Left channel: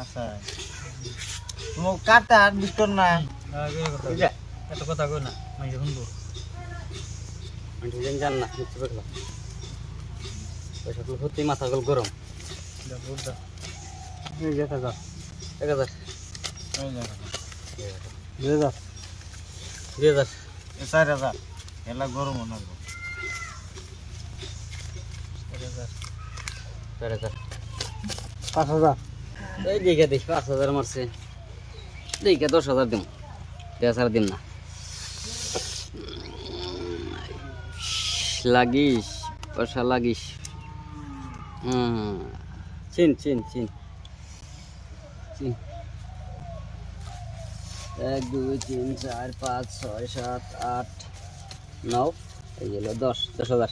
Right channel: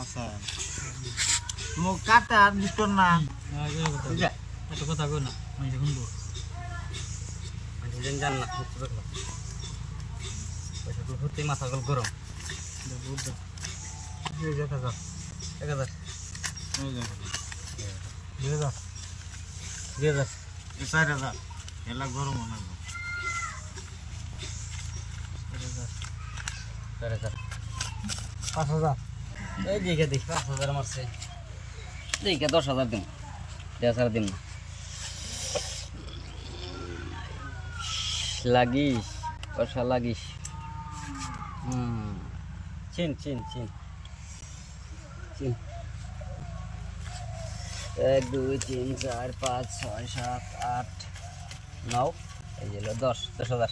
আচ্ছা ও কাটা আর বিকর না একটা কথা কই না আমি শুনবো আমি জান না বুঝতে পারলাম পয়সা তো সত্যি মাথা গরম বুঝা এই যে কাকা 1000 2000 4000 এলা গরম না 5000 এই দেখে দেখ 5000 মারছে দেখে 10000 দিন 10,000 দিন না লাগিস পয়সা লাগিস চিন চিন চিন চিন 1 2 3 4 5 6 7 8 9 এই যে 10,000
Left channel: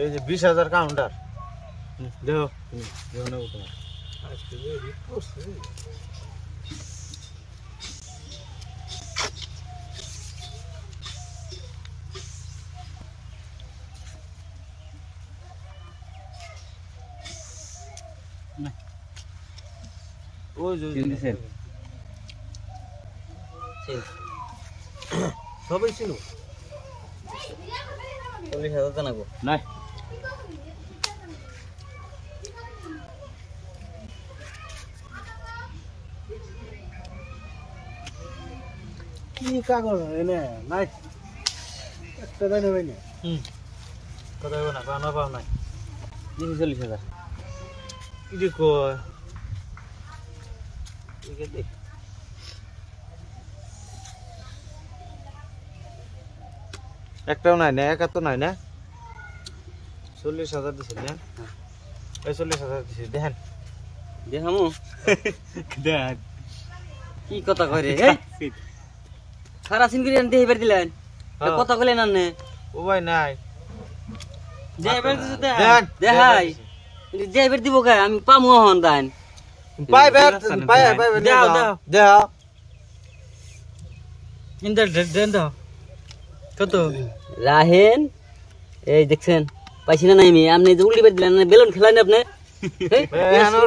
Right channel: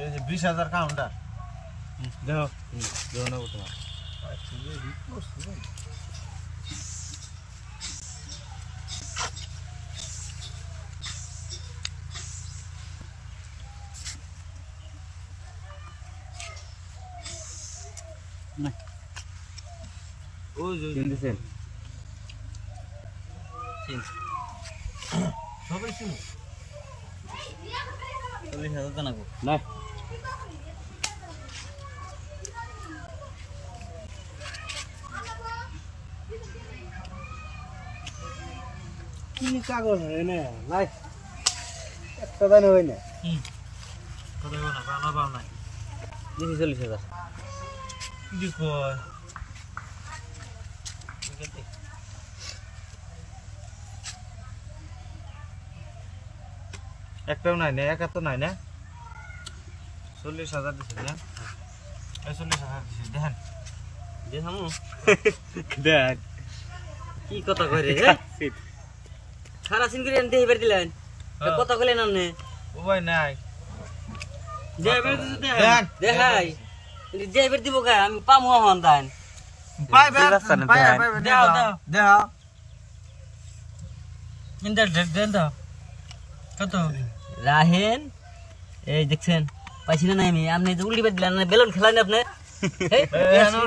এই যে 20000 কাউন্টার দেখো দেখো না তোমার ওই যে চিনতেছেন সবাই ছিল 40,000 জানাবো নাই কি কাগজ এনে নাই একটা জানি হই না কথা না পাওনা পাও নাই 40,000 কি কয় একটাও নাই না একা তো নাই না 40,000 দিছেন না 40,000 দিছি দেখেন দেখামু দেখ কি কথা কয় রে সারা সিনগিরি আনতে এবার দিলেন কথা কইলেন আপনি ও ভাই নাই যে এবার দিতে দেখাই যে এবার দিব কে আমি পামু হন দান পাইবে দাও দাও দাও ইন্দা দেন দাও কত রাহেন এই দেখছেন পাইছি না নাই আমি আপনি যে উল্টি বের দিলেন না বেলুন খেলান আপনি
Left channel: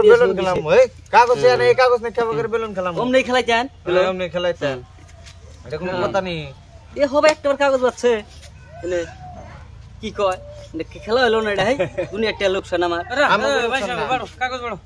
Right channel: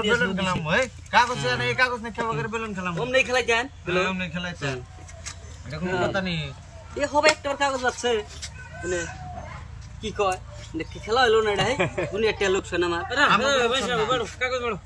বেলুন খেলাম ওই কাগজ এনে এই কাগজ না কেমন করে বেলুন খেলাম কম নাই খেলাইতেন বেলুন খেলাইতেন এটা কোনো কথা নেই এ হবে একটাবার কাগজ আছে মানে কি কয় খেলা হলো না এটা উনি একটা লোকসান আমার কাগজ বাড়ো